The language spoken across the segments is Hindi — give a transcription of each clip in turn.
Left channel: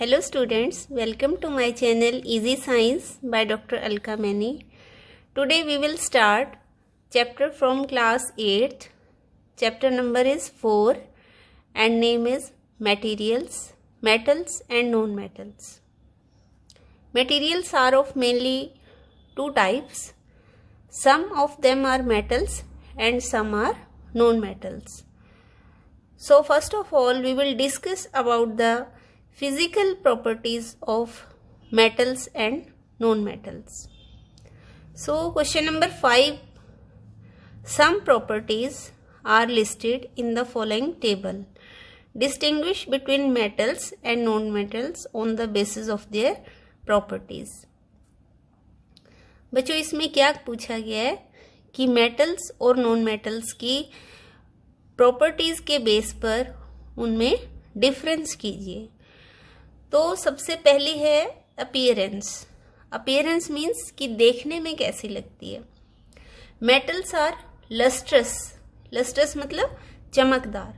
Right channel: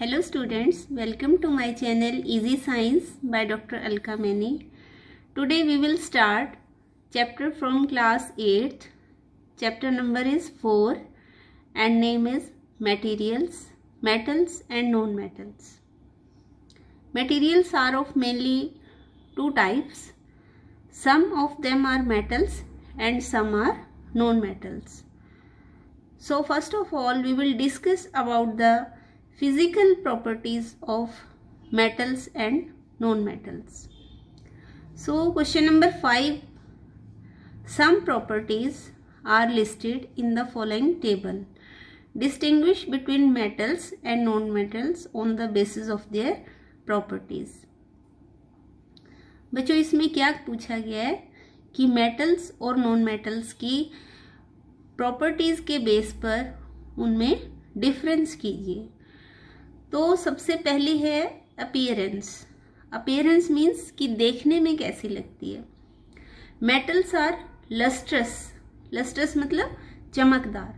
Hello students, welcome to my channel Easy Science by Dr. Alka Mani. Today we will start chapter from class 8th. Chapter number is 4 and name is Materials, Metals and Non-Metals. Materials are of mainly two types. Some of them are metals and some are non-metals. So first of all we will discuss about the physical properties of metals and non-metals. So question number 5. Some properties are listed in the following table. Distinguish between metals and non-metals on the basis of their properties. बच्चों इसमें क्या पूछा गया है कि मेटल्स और नॉन मेटल्स की प्रॉपर्टीज के बेस पर उनमें डिफरेंस कीजिए। तो सबसे पहली है अपीयरेंस। अपीयरेंस मीन्स कि देखने में कैसी लगती है। Metals are lustrous. लस्ट्रस मतलब चमकदार।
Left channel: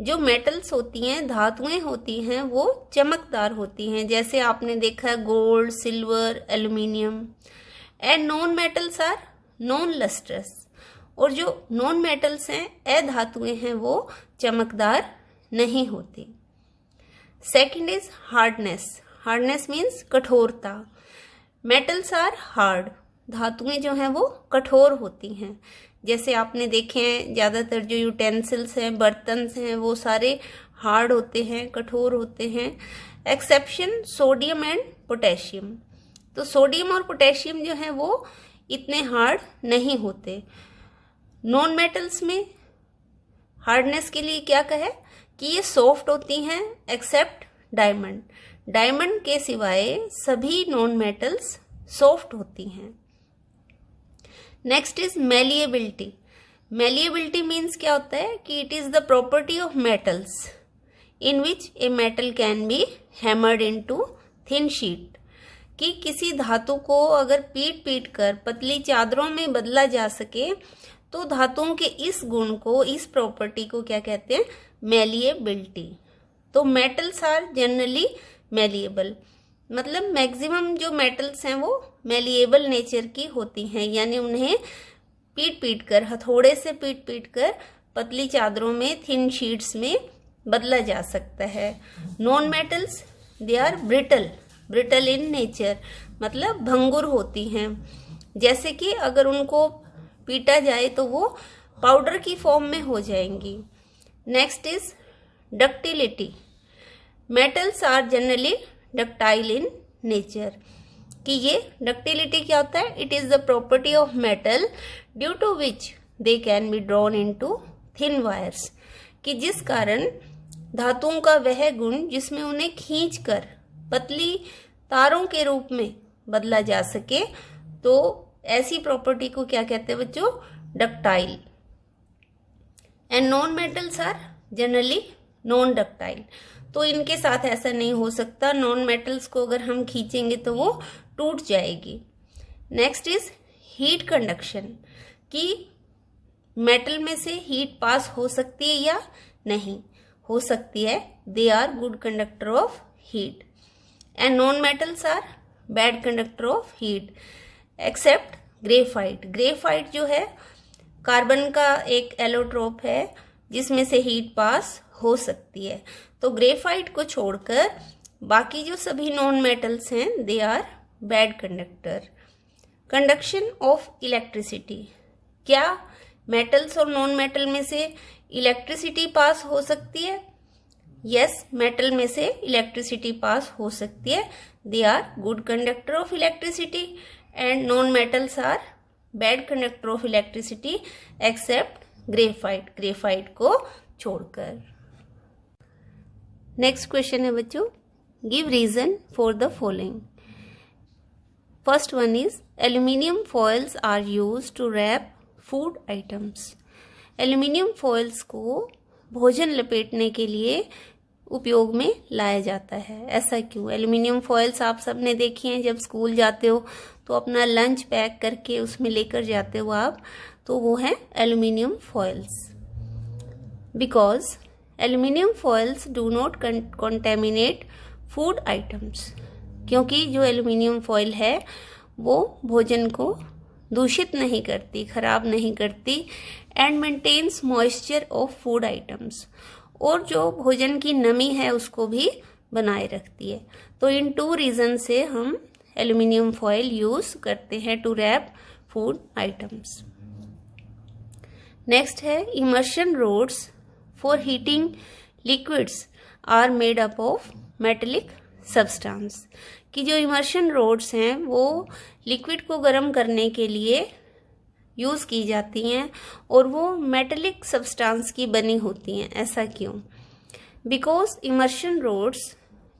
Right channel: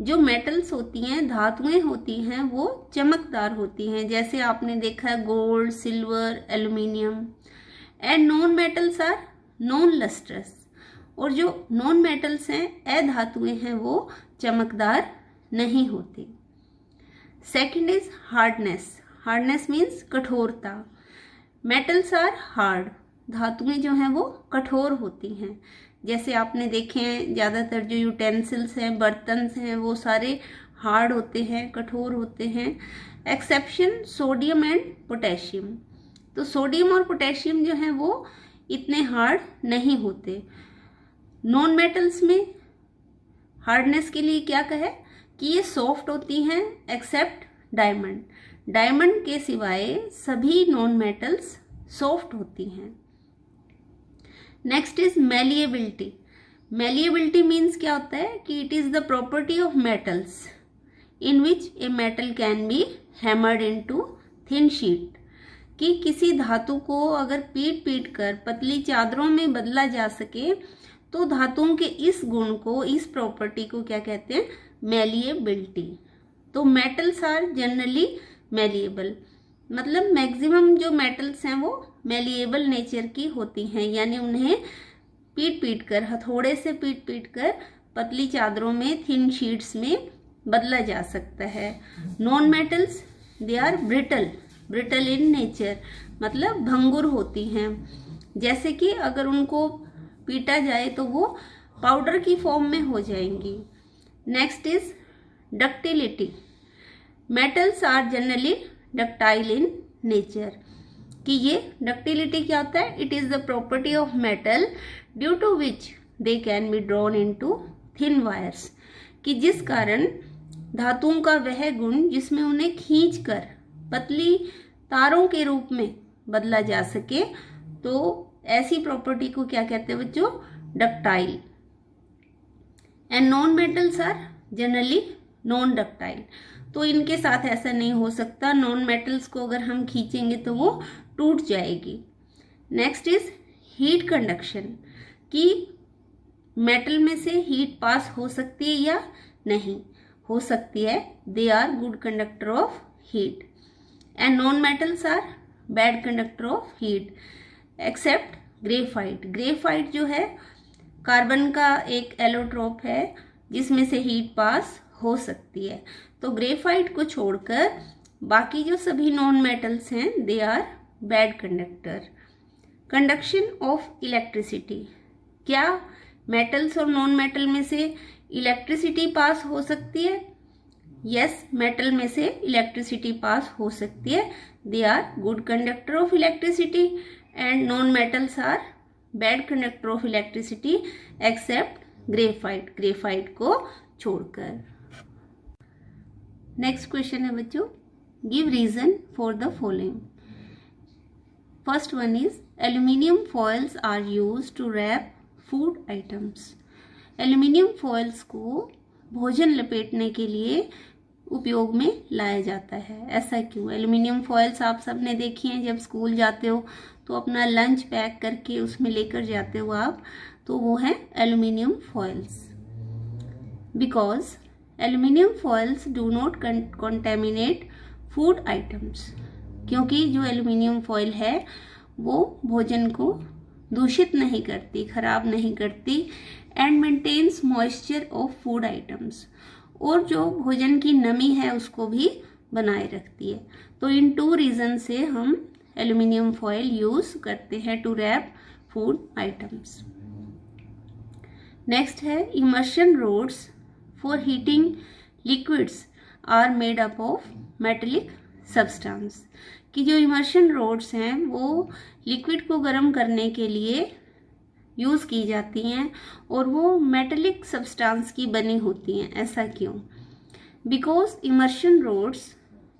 जो मेटल्स होती हैं, धातुएं होती हैं, वो चमकदार होती हैं, जैसे आपने देखा है gold, silver, aluminium. And non metals are non lustrous. और जो नॉन मेटल्स हैं, अधातुएं हैं, वो चमकदार नहीं होती। Second is hardness. Hardness means कठोरता। Metals are hard. धातुएं जो हैं वो कठोर होती हैं, जैसे आपने देखे हैं ज़्यादातर जो यूटेंसिल्स हैं, बर्तन हैं, वो सारे हार्ड होते हैं, कठोर होते हैं। Exception sodium and potassium. तो सोडियम और पोटेशियम जो हैं वो इतने हार्ड नहीं होते। नॉन मेटल्स में हार्डनेस के लिए क्या कहे कि ये सॉफ्ट होती हैं एक्सेप्ट डायमंड। डायमंड के सिवाय सभी नॉन मेटल्स सॉफ्ट होती हैं। Next is malleability. Malleability means क्या होता है कि it is the property of metals in which a metal can be hammered into thin sheet. कि किसी धातु को अगर पीट पीट कर पतली चादरों में बदला जा सके, तो धातुओं के इस गुण को, इस प्रॉपर्टी को क्या कहते हैं? मेलिएबिलिटी। तो मेटल्स आर जनरली मेलिएबल, मतलब मैक्सिमम जो मेटल्स हैं वो मेलिएबल नेचर की होती हैं, यानी उन्हें पीट पीट कर, हथौड़े से पीट पीट कर पतली चादरों में, थिन शीट्स में बदला जा सकता है। Non metals they are brittle. Brittle in nature मतलब भंगुर होती हैं, जैसे कि अगर उनको पीटा जाए तो वो पाउडर की फॉर्म में हो जाएंगी। Next is ductility. Metals are generally ductile in nature. कि ये डक्टिलिटी क्या होता है? It is the property of metal due to which they can be drawn into thin wires. कि जिस कारण धातुओं का वह गुण जिसमें उन्हें खींचकर पतली तारों के रूप में बदला जा सके, तो ऐसी प्रॉपर्टी को क्या कहते हैं बच्चों? Ductile. And non metals are generally non ductile. तो इनके साथ ऐसा नहीं हो सकता। नॉन मेटल्स को अगर हम खींचेंगे तो वो टूट जाएगी। Next is heat conduction. कि मेटल में से हीट पास हो सकती है या नहीं हो सकती है। They are good conductor of heat. And non metals are bad conductor of heat except graphite. Graphite जो है कार्बन का एक एलोट्रोप है जिसमें से हीट पास हो सकती है। तो ग्रेफाइट को छोड़कर बाकी जो सभी नॉन मेटल्स हैं they are bad conductor. Conduction of electricity. क्या मेटल्स और नॉन मेटल में से इलेक्ट्रिसिटी पास हो सकती है? यस, मेटल में से इलेक्ट्रिसिटी पास हो सकती है। They are good conductor of electricity and non metals are bad conductor of electricity except graphite. Graphite को छोड़कर। नेक्स्ट क्वेश्चन है बच्चों, give reason for the following. First one is aluminium foils are used to wrap food items. Aluminium foils को भोजन लपेटने के लिए उपयोग में लाया जाता है। ऐसा क्यों? एल्यूमिनियम फॉइल्स आप सब ने देखी हैं, जब स्कूल जाते हो तो अपना लंच पैक करके उसमें लेकर जाते हो आप, तो वो है aluminium foils. Because aluminium foils do not contaminate food items, क्योंकि जो एल्युमिनियम फॉइल है वो भोजन को दूषित नहीं करती, खराब नहीं करती, and maintains moisture of food items, और जो भोजन की नमी है उसको भी बनाए रखती है। तो इन 2 रीजन से हम एल्युमिनियम फॉइल यूज करते हैं to wrap food items. Next है immersion rods for heating liquids are made up of metallic substance, कि जो इमर्शन रोड्स हैं वो लिक्विड को गर्म करने के लिए यूज़ की जाती हैं और वो मेटेलिक सब्सटेंस की बनी होती हैं। ऐसा क्यों? Because immersion rods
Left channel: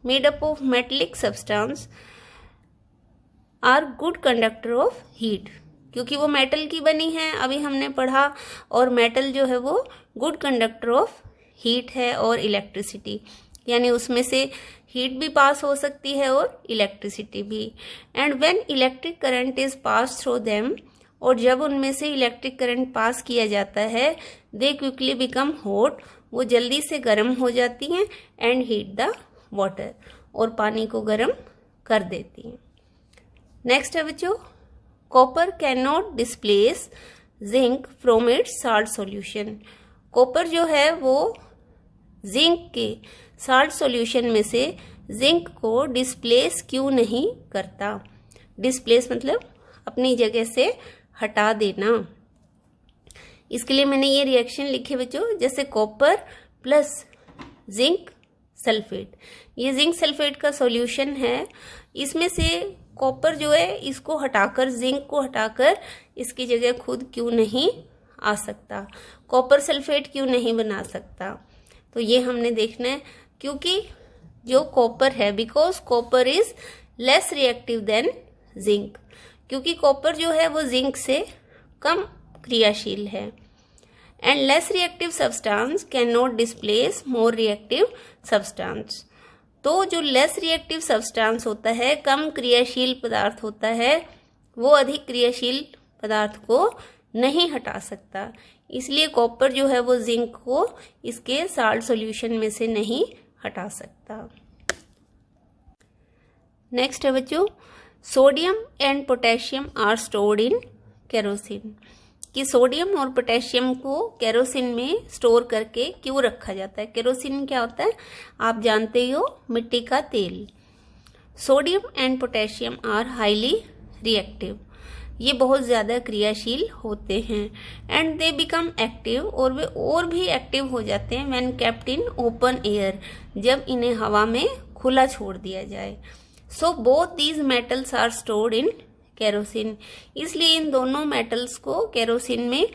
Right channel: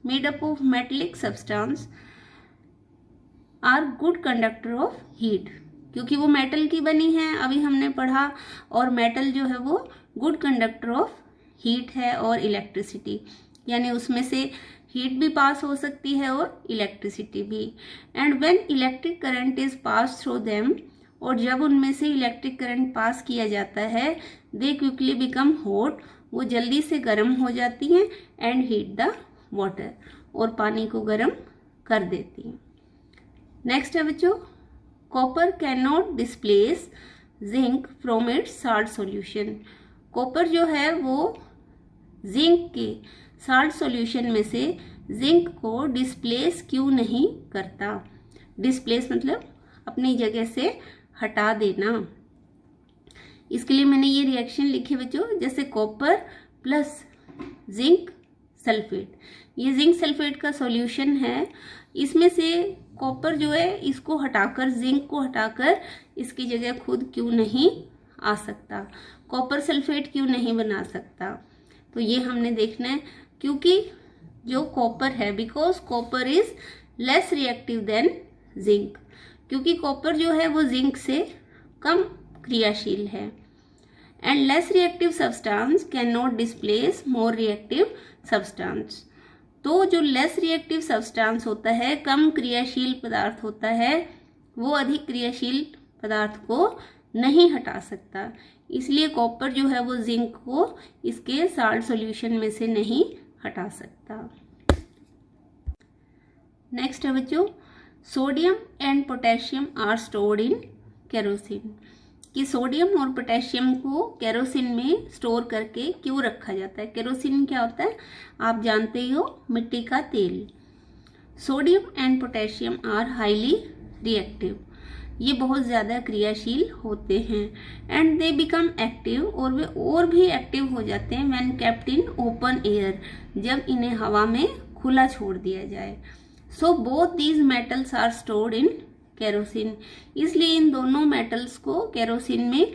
made up of metallic substance are good conductor of heat, क्योंकि वो मेटल की बनी है, अभी हमने पढ़ा, और मेटल जो है वो गुड कंडक्टर ऑफ हीट है और इलेक्ट्रिसिटी, यानी उसमें से हीट भी पास हो सकती है और इलेक्ट्रिसिटी भी। And when electric current is pass through them, और जब उनमें से इलेक्ट्रिक करंट पास किया जाता है, दे क्विकली बिकम हॉट, वो जल्दी से गर्म हो जाती हैं, एंड हीट द वाटर, और पानी को गर्म कर देती हैं। नेक्स्ट है बच्चों, copper can not displace zinc from its salt solution. Copper जो है वो जिंक के साल्ट सॉल्यूशन में से जिंक को डिस्प्लेस क्यों नहीं करता? डिस्प्लेस मतलब अपनी जगह से हटा देना। इसके लिए मैंने ये रिएक्शन लिखे बच्चों, जैसे कॉपर प्लस जिंक सल्फेट, ये जिंक सल्फेट का सॉल्यूशन है, इसमें से कॉपर जो है इसको हटाकर, जिंक को हटाकर इसकी जगह खुद क्यों नहीं आ सकता, कॉपर सल्फेट क्यों नहीं बना सकता? तो ये हमने देखना है, क्योंकि जो कॉपर है, because copper is less reactive than zinc, क्योंकि कॉपर जो है वो जिंक से कम क्रियाशील है, and less reactive substance can not displace more reactive substance. तो जो लेस रिएक्टिव सब्सटेंस होता है, कम क्रियाशील पदार्थ होता है, वो अधिक क्रियाशील पदार्थ को नहीं हटा सकता, इसलिए कॉपर जो है वो जिंक को इसके साल्ट सॉल्यूशन में से नहीं हटा सकता। नेक्स्ट है बच्चों, sodium and potassium are stored in kerosene, कि सोडियम और पोटेशियम को केरोसिन में स्टोर करके क्यों रखा जाता है? केरोसिन क्या होता है आप जानते ही हो, मिट्टी का तेल। Sodium and potassium are highly reactive, ये बहुत ज़्यादा क्रियाशील होते हैं, एंड दे बिकम एक्टिव, और वे और भी एक्टिव हो जाते हैं when kept in open air, जब इन्हें हवा में खुला छोड़ दिया जाए। So both these metals are stored in kerosene, इसलिए इन दोनों मेटल्स को केरोसिन में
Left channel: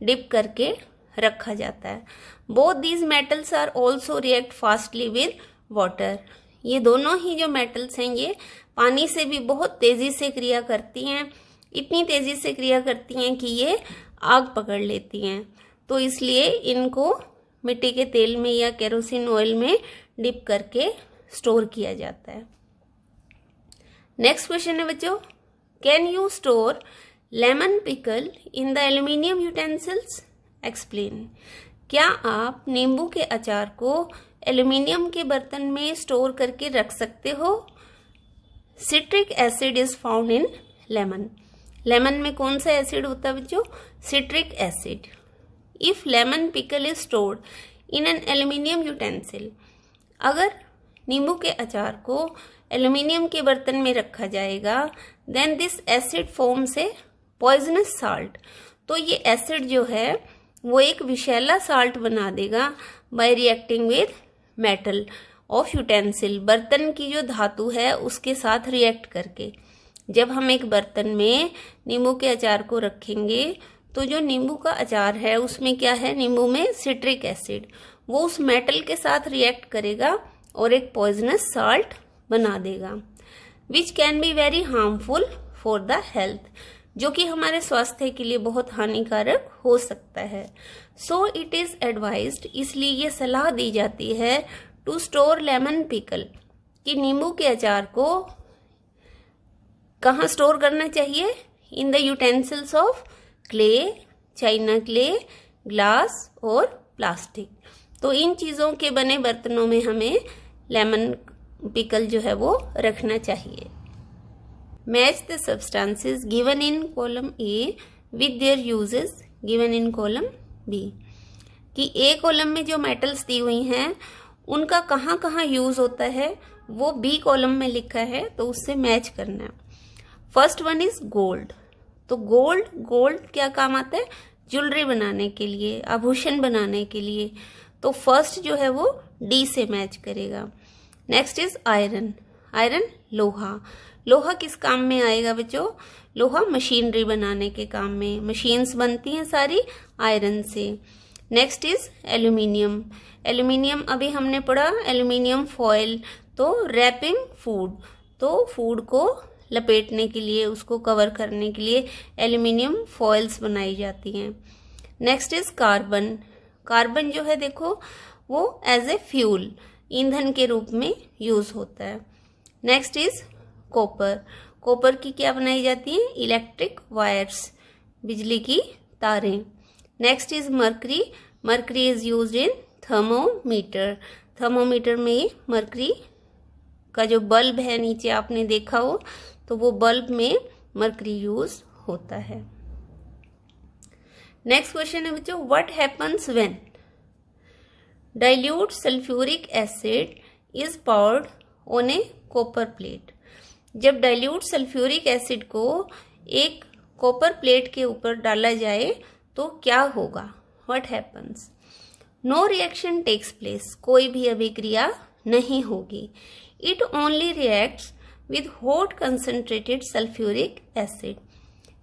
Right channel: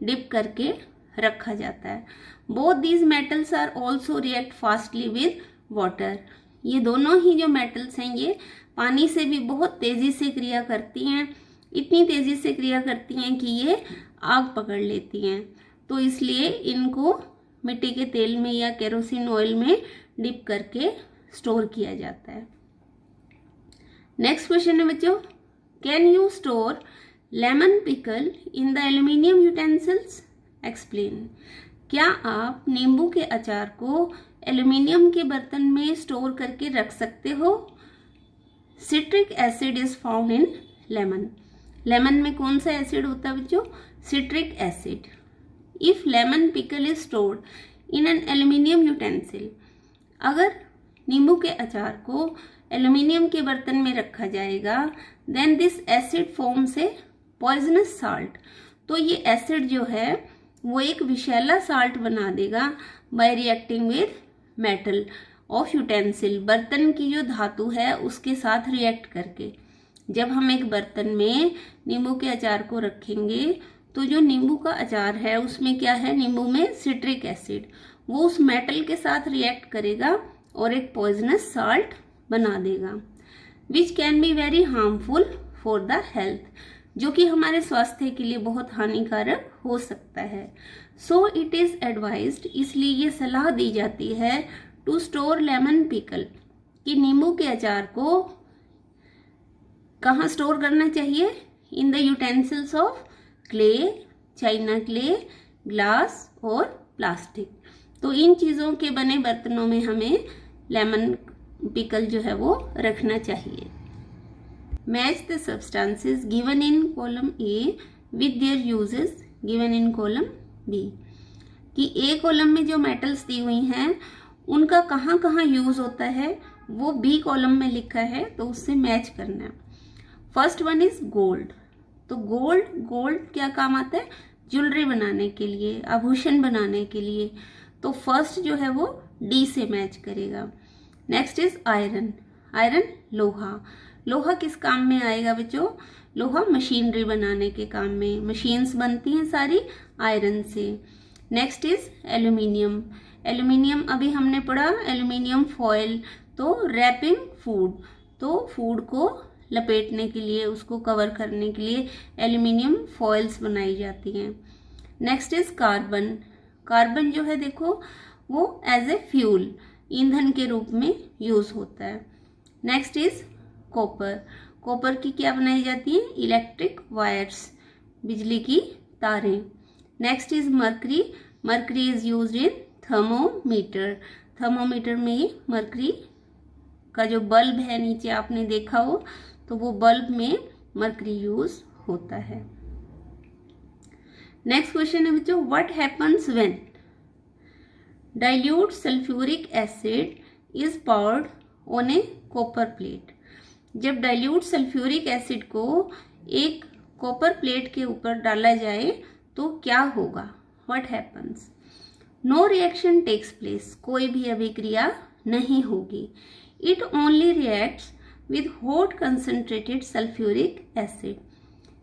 डिप करके रखा जाता है। Both these metals are also react fastly with water, ये दोनों ही जो मेटल्स हैं ये पानी से भी बहुत तेजी से क्रिया करती हैं, इतनी तेजी से क्रिया करती हैं कि ये आग पकड़ लेती हैं, तो इसलिए इनको मिट्टी के तेल में या केरोसिन ऑयल में डिप करके स्टोर किया जाता है। नेक्स्ट क्वेश्चन है बच्चों, can you store lemon pickle in the aluminium utensils? Explain, क्या आप नींबू के अचार को एल्यूमिनियम के बर्तन में स्टोर करके रख सकते हो? Citric acid is found in lemon, lemon में कौन सा एसिड होता है बच्चों? Citric acid. If lemon pickle is stored in an aluminium utensil, अगर नींबू के अचार को एल्यूमिनियम के बर्तन में रखा जाएगा, then this acid forms a poisonous salt, तो ये एसिड जो है वो एक विषैला साल्ट बना देगा bye reacting with metal of utensil, बर्तन की जो धातु है उसके साथ रिएक्ट करके। जब हम एक बर्तन में नींबू के अचार को रखेंगे तो जो नींबू का अचार है उसमें क्या है, नींबू में सिट्रिक एसिड, वो उस मेटल के साथ रिएक्ट करेगा और एक पॉइजनस साल्ट बना देगा, which can be very harmful for the health, जो कि हमारे स्वास्थ्य के लिए बहुत हानिकारक हो सकता है। सो इट इज एडवाइज्ड, इसलिए ये सलाह दी जाती है टू स्टोर लेमन पिकल, कि नींबू के अचार को कहाँ स्टोर करना चाहिए? In the utensils of clay, China clay, glass और प्लास्टिक। तो इन चीज़ों के बने बर्तनों में हमें लेमन पिकल जो है वो रखना चाहिए। Match the substances given in column A with their uses given in column B, कि ए कॉलम में जो मेटल्स दी हुई हैं उनका कहाँ कहाँ यूज होता है वो बी कॉलम में लिखा है, तो उससे मैच करना है। First one is gold. तो गोल्ड क्या काम आता है? ज्वेलरी बनाने के लिए, आभूषण बनाने के लिए। तो फर्स्ट जो है वो डी से मैच करेगा। Next is iron. आयरन लोहा किस काम में आएगा बच्चों? लोहा मशीनरी बनाने के काम में, मशीन्स बनती हैं सारी आयरन से। नेक्स्ट इज एल्यूमिनियम अभी हमने पढ़ा, एल्यूमिनियम फॉयल, तो रैपिंग फूड, तो फूड को लपेटने के लिए, उसको कवर करने के लिए एल्यूमिनियम फॉइल्स बनाई जाती हैं। नेक्स्ट इज कार्बन जो है देखो वो एज ए फ्यूल, ईंधन के रूप में यूज होता है। नेक्स्ट इज कॉपर की क्या बनाई जाती है? इलेक्ट्रिक वायर्स, बिजली की तारें। Next is mercury is used in thermometer में मर्करी का जो बल्ब है नीचे आपने देखा हो, तो वो बल्ब में मर्करी यूज होता है। नेक्स्ट क्वेश्चन है बच्चों, what happens when dilute sulphuric acid is poured on a copper plate. जब डाइल्यूट सल्फ्यूरिक एसिड को एक कॉपर प्लेट के ऊपर डाला जाए तो क्या होगा? What happens? No reaction takes place, कोई भी अभिक्रिया नहीं होगी। It only reacts with hot concentrated sulphuric acid.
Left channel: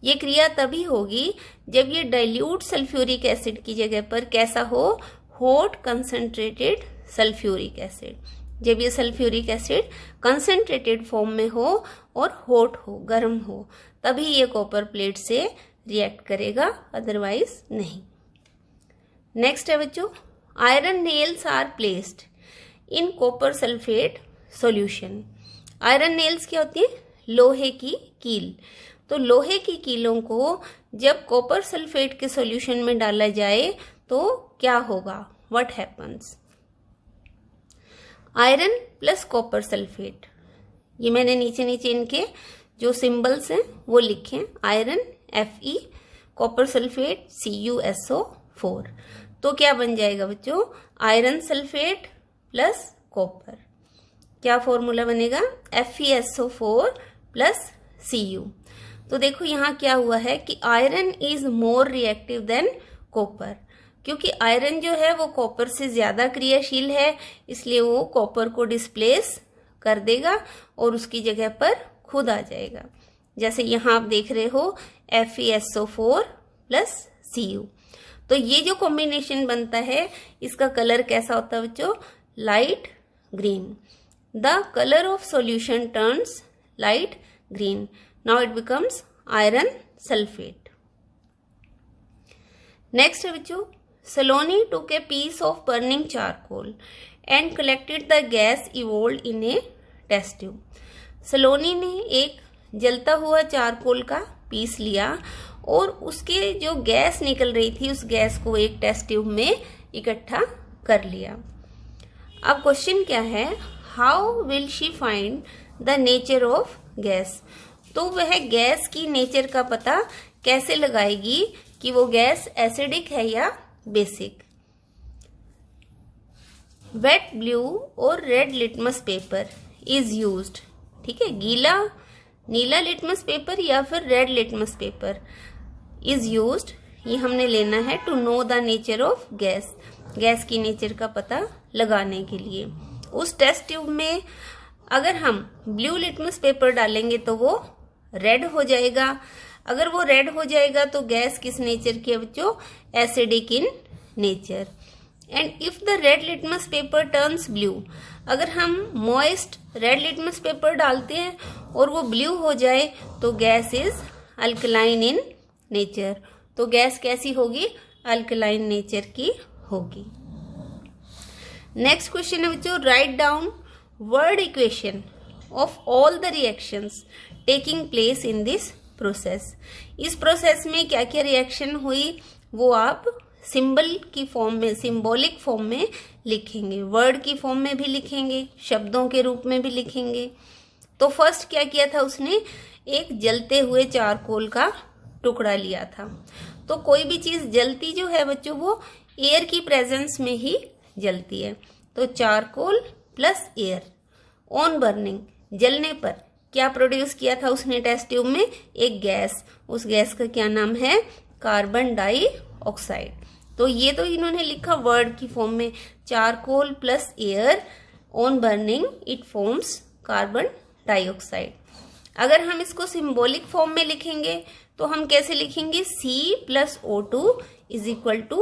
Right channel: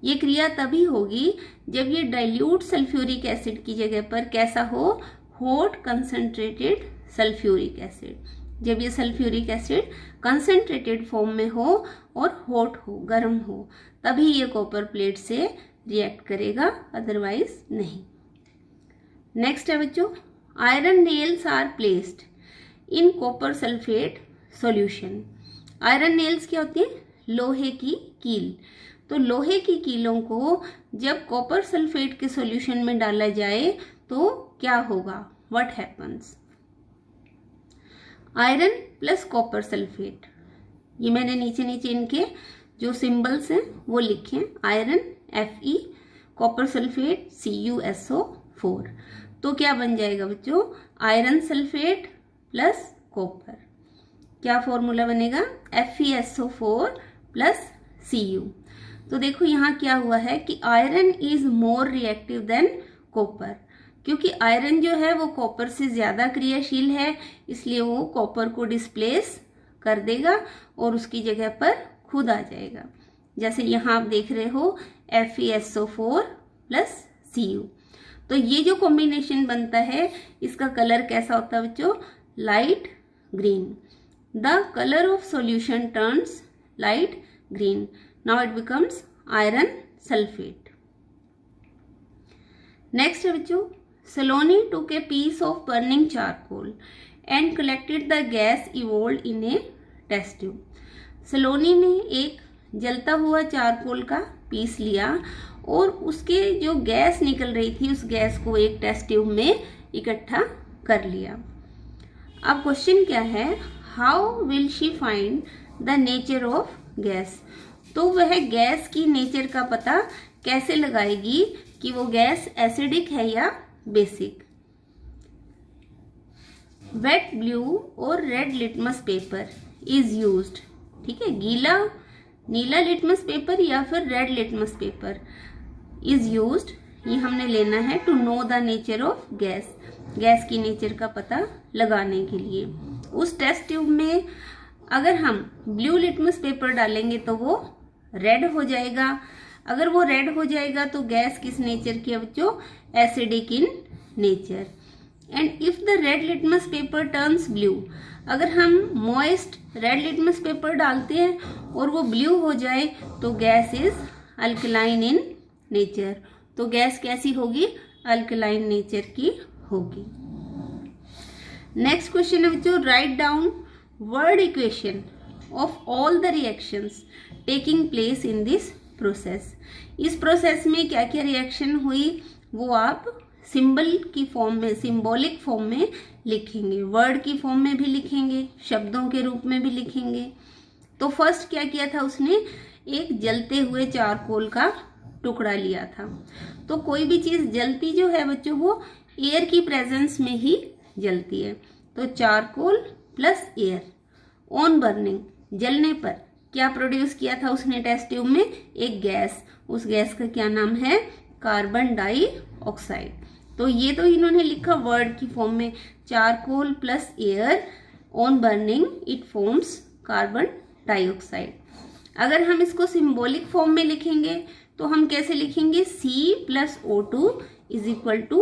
ये क्रिया तभी होगी जब ये डाइल्यूट सल्फ्यूरिक एसिड की जगह पर कैसा हो? Hot concentrated sulphuric acid. जब ये सल्फ्यूरिक एसिड कंसंट्रेटेड फॉर्म में हो और हॉट हो, गर्म हो, तभी ये कॉपर प्लेट से रिएक्ट करेगा, अदरवाइज नहीं। नेक्स्ट है बच्चों, iron nails are placed in copper sulphate solution. Iron nails क्या होती है? लोहे की कील। तो लोहे की कीलों को जब कॉपर सल्फेट के सॉल्यूशन में डाला जाए तो क्या होगा? What happens? Iron plus copper sulphate, ये मैंने नीचे इनके जो सिंबल्स हैं वो लिखे हैं। Iron Fe, copper sulphate CuSO4। तो क्या बन जाएगा बच्चों? आयरन सल्फेट प्लस कॉपर, क्या फॉर्मूला बनेगा? FeSO4 plus Cu। तो देखो यहाँ क्या हुआ है कि iron is more reactive than copper, क्योंकि आयरन जो है वो कॉपर से ज्यादा क्रियाशील है, इसलिए वो कॉपर को डिस्प्लेस कर देगा और उसकी जगह पर खुद आ जाएगा। जैसे यहाँ आप देख रहे हो FeSO4 प्लस Cu। तो ये जो कॉम्बिनेशन बनता है इसका कलर कैसा होता है बच्चों? Light green. The colour of solution turns light green. Now it becomes iron sulphate. Next है बच्चों, Saloni took a piece of burning charcoal and collected the gas evolved in a test tube। सलोनी ने एक जलता हुआ चारकोल का पीस लिया और उसके जो गैस निकल रही थी उस गैस को एक टेस्ट ट्यूब में इकट्ठा कर लिया। अब क्वेश्चन क्या है? How will she find the nature of gas? तो वह गैस की नेचर का पता कैसे लगाएगी कि वो गैस एसिडिक है या बेसिक? वेट ब्लू और red litmus paper is used. ठीक है, नीला लिटमस पेपर या फिर red litmus paper is used, ये हमने लेना है to know the nature of gas, gas की नेचर का पता लगाने के लिए। उस टेस्ट ट्यूब में अगर हम ब्लू लिटमस पेपर डालेंगे तो वो रेड हो जाएगा। अगर वो रेड हो जाएगा तो गैस किस नेचर की है बच्चों? Acidic in nature. And if the red litmus paper turns blue, अगर हम मॉइस्ट रेड लिटमस पेपर डालते हैं और वो ब्लू हो जाए तो gas is alkaline in nature. तो गैस कैसी होगी? अल्कलाइन नेचर की होगी। नेक्स्ट क्वेश्चन है बच्चों, write down word equation of all the reactions taking place in this process. इस प्रोसेस में क्या क्या रिएक्शन हुई वो आप सिंबल की फॉर्म में, सिंबॉलिक फॉर्म में लिखेंगे, वर्ड की फॉर्म में भी लिखेंगे, शब्दों के रूप में भी लिखेंगे। तो फर्स्ट क्या किया था उसने, एक जलते हुए चारकोल का टुकड़ा लिया था। तो कोई भी चीज जलती जो है बच्चों वो एयर की प्रेजेंस में ही जलती है। तो charcoal plus air on burning, जलने पर क्या प्रोड्यूस किया था उसने टेस्ट ट्यूब में, एक गैस। उस गैस का क्या नाम है, कार्बन डाइऑक्साइड। तो ये तो इन्होंने लिखा वर्ड की फॉर्म में, charcoal plus air on burning it forms carbon dioxide. अगर हम इसको सिंबॉलिक फॉर्म में लिखेंगे तो हम कैसे लिखेंगे, C plus O2 is equal to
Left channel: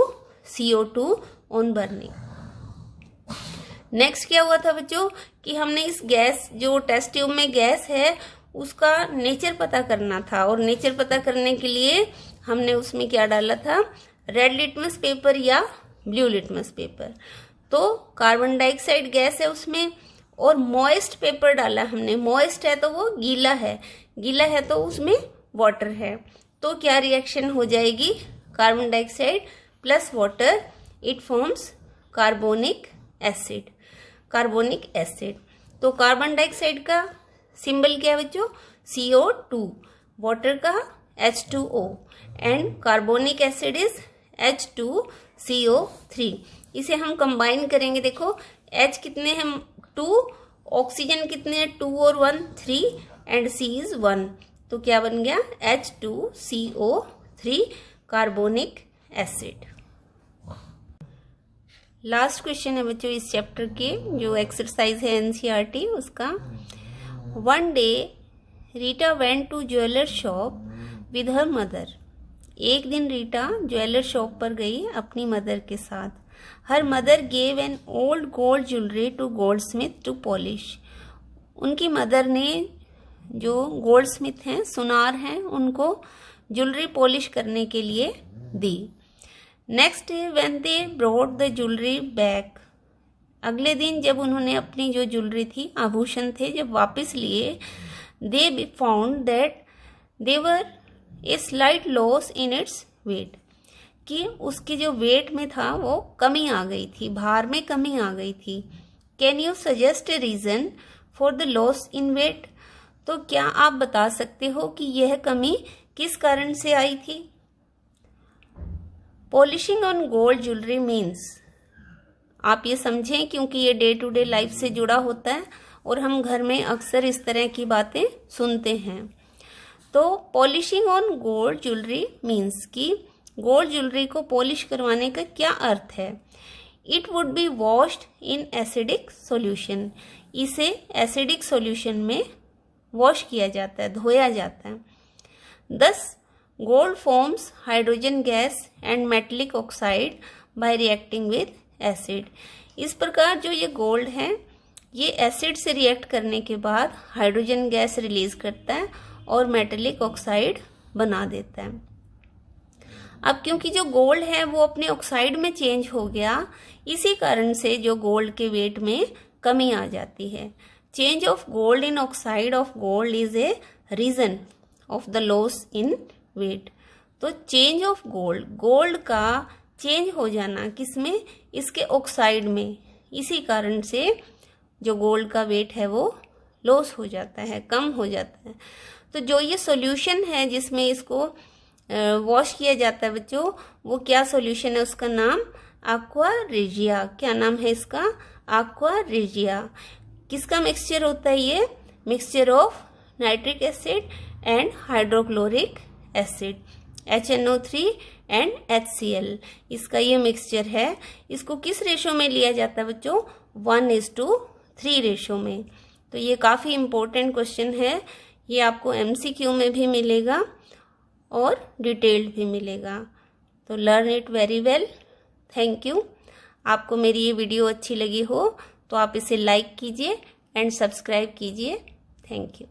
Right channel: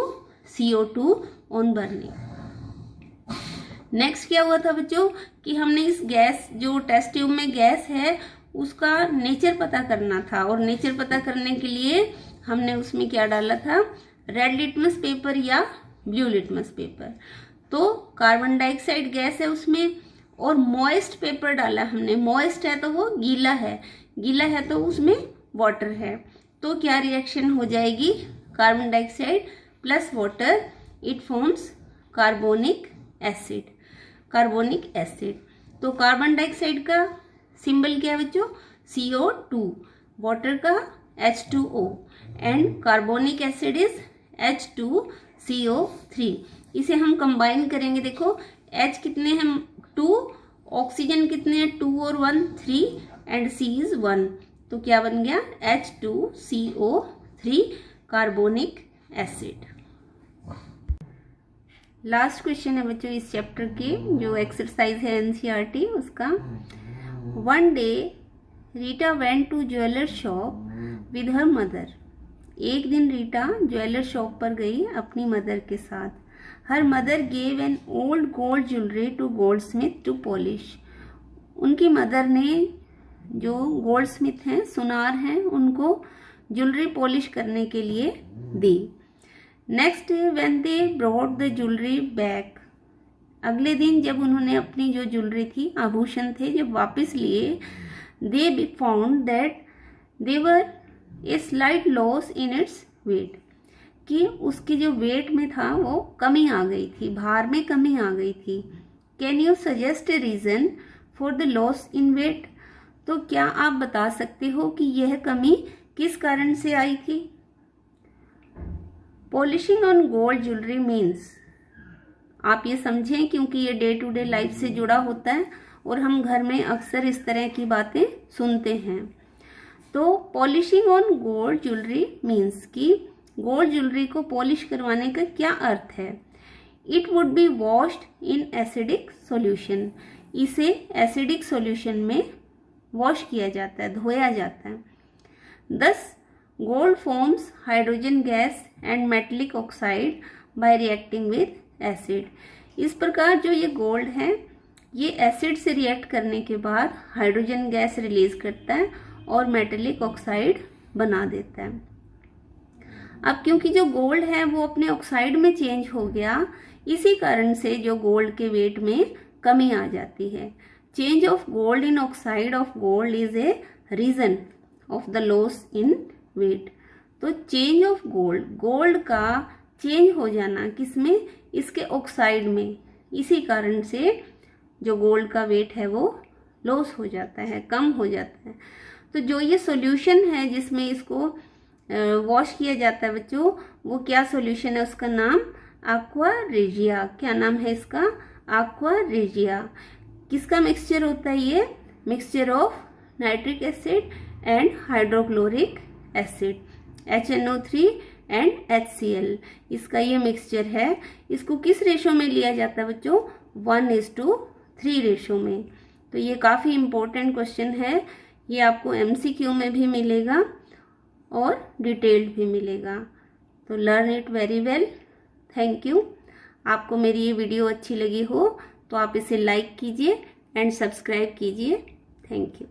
CO2 on burning. Next क्या हुआ था बच्चों कि हमने इस गैस, जो टेस्ट ट्यूब में गैस है उसका नेचर पता करना था, और नेचर पता करने के लिए हमने उसमें क्या डाला था, रेड लिटमस पेपर या ब्लू लिटमस पेपर। तो कार्बन डाइऑक्साइड गैस है उसमें, और मॉइस्ट पेपर डाला हमने। मॉइस्ट है तो वो गीला है, गीला है तो उसमें वाटर है। तो क्या रिएक्शन हो जाएगी, carbon dioxide plus water it forms carbonic acid, carbonic acid. तो कार्बन डाइऑक्साइड का सिंबल क्या है बच्चों, CO2, वाटर का H2O, and carbonic acid is H2CO3। इसे हम कंबाइन करेंगे, देखो H कितने हैं 2, ऑक्सीजन कितने हैं 2 और 1 3, एंड C इज 1। तो क्या बन गया H2CO3 carbonic acid. Last question है बच्चों इस चैप्टर के, जो एक्सरसाइज है NCERT उसका। One day Rita went to jeweller shop with her mother. एक दिन रीटा ज्वेलर शॉप पर गई अपनी मदर के साथ। Her mother gave an old gold jewellery to goldsmith to polish. उनकी मदर ने, जो गोल्ड स्मिथ हैं, सुनार हैं, उनको ज्वेलरी पॉलिश करने के लिए दी। Next day when they brought the jewellery back. अगले दिन जब उन्होंने अपनी जो ज्वेलरी थी, आभूषण थे, जब वापस लिए, they found that there a slight loss in its weight, कि उसके जो वेट में था वो कमी आ गई थी, भार में कमी आ गई थी। Can you suggest a reason for the loss in weight. तो क्या आप बता सकते हो कि यह कमी किस कारण से आई थी। Polishing on gold jewellery means, आप ये समझें क्योंकि ये डे टू डे लाइफ से जुड़ा होता है और हम घर में अक्सर इस तरह की बातें सुनते हैं। तो polishing on gold jewellery means कि गोल्ड ज्वेलरी को पॉलिश करवाने का क्या अर्थ है। It would be washed in acidic solution, इसे एसिडिक सॉल्यूशन में वॉश किया जाता है, धोया जाता है। दस gold forms hydrogen gas and metallic oxide bye reacting with acid. इस प्रकार जो ये गोल्ड है ये एसिड से रिएक्ट करने के बाद हाइड्रोजन गैस रिलीज करता है और मेटलिक ऑक्साइड बना देता है। अब क्योंकि जो गोल्ड है वो अपने ऑक्साइड में चेंज हो गया, इसी कारण से जो गोल्ड के वेट में कमी आ जाती है। Change of gold in oxide of gold is a reason of the loss in weight. तो चेंज ऑफ गोल्ड, गोल्ड का चेंज हो जाना किसमें, इसके ऑक्साइड में, इसी कारण से जो गोल्ड का वेट है वो लॉस हो जाता है, कम हो जाता है। तो जो ये सॉल्यूशन है जिसमें इसको वॉश किया जाता है बच्चों, वो क्या सॉल्यूशन है, उसका नाम aqua regia। क्या नाम है इसका, aqua regia। किसका मिक्सचर होता है ये, mixture of nitric acid and hydrochloric acid, HNO3 and HCl, इसका ये मिक्सचर है। इसको किस रेशो में लिया जाता है बच्चों, 1:3 रेशो में। तो ये काफ़ी इम्पोर्टेंट क्वेश्चन है, ये आपको MCQ में भी मिलेगा और डिटेल्ड भी मिलेगा। तो learn it very well. Thank you. आपको मेरी ये वीडियो अच्छी लगी हो तो आप इसे लाइक कीजिए एंड सब्सक्राइब कीजिए। Thank you.